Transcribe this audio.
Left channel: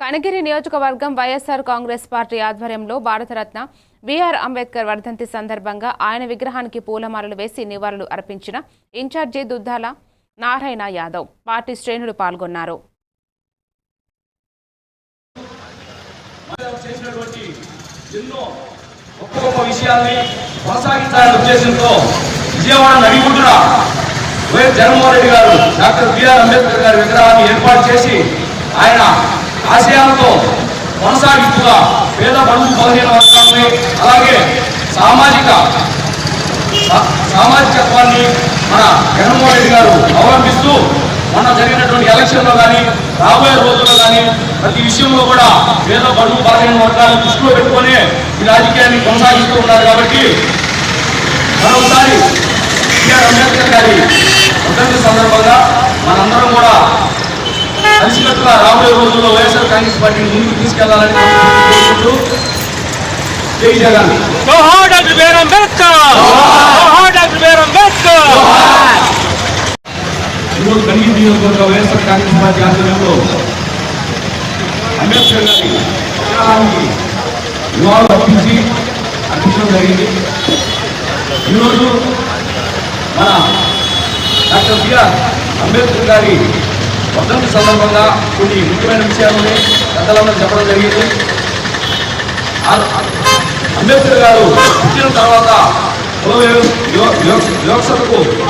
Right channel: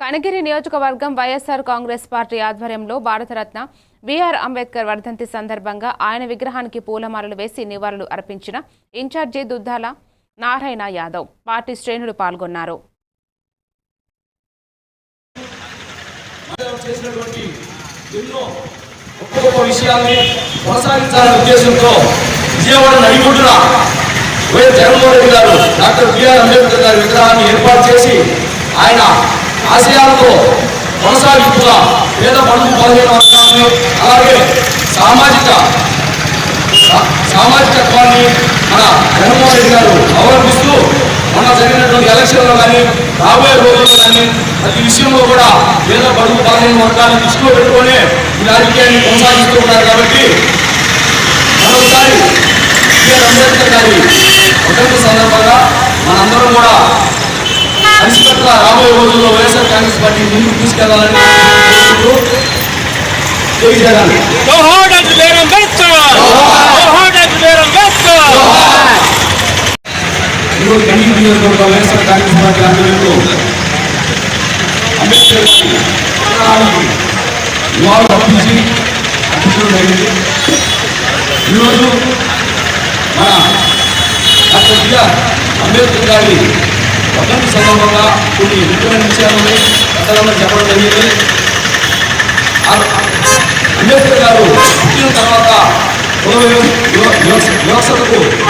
కనగిరి నియోజకవర్గం వైఎస్ఆర్ కాంగ్రెస్ పార్టీ ఆధ్వర్యంలో భారతరత్న బీఆర్ అంబేద్కర్ వర్ధంతి సందర్భంగా ఆయన విగ్రహానికి పూలమాలలు వేసి నివాళులు అర్పించిన ఇన్ఛార్జి దుద్దాల నారాయణ యాదవ్ పార్టీ శ్రేణులు పాల్గొన్నారు. ఉద్దేశంతో విజయవాడ నడిగుడ్డున వైఎస్ జగన్మోహన్ రెడ్డి గారు డాక్టర్ బిఆర్ అంబేద్కర్ గారి విగ్రహాన్ని ఏర్పాటు చేసి ఆయన ఆశయాలతో కొనసాగింపుగా పేద పడుగు బలహీన వర్గాలని అలాగే సామాజిక సా- సామాజికత్వాన్ని మన జగన్మోహన్ రెడ్డి గారు అవలంబిస్తూ మొన్న జరిగినటువంటి ఎలక్షన్లో కానీ రాబోయే రోజుల్లో కానీ ప్రతి విషయంలో కూడా పేద బడుగు బలహీన వర్గాలను దృష్టిలో పెట్టుకొని ఈ రాజకీయాన్ని కొనసాగిస్తూ ఉన్నారు కాబట్టి మరొకసారి బిఆర్ అంబేద్కర్ గారి వర్ధంతి సందర్భంగా మనందరం కూడా కలిసికట్టుగా రాబోయే రోజుల్లో వైఎస్ఆర్ కాంగ్రెస్ పార్టీ ముందుకు తీసుకెళ్ళాలని కోరుకుంటూ జై జగన్. జోహార్ డాక్టర్ బిఆర్ అంబేద్కర్! జోహార్ డాక్టర్ బిఆర్ అంబేద్కర్! ఈరోజు కన్నీరు నియోజకవర్గ వైఎస్ఆర్ కాంగ్రెస్ పార్టీ ఆధ్వర్యంలో అంబేద్కర్ గారి విగ్రహానికి నివాళులు అర్పించి అర్పించడం జరిగింది. ఈరోజు మన డాక్టర్ బిఆర్ అంబేద్కర్ గారి పద్దెనిమిది సందర్భంగా కొన్ని ముఖ్యమైన విషయాలని పెద్దలందరూ చెప్పడం జరిగింది. అంబేద్కర్ గారు పుట్టిన తర్వాత కుల వివ- వివ- వివక్షతకు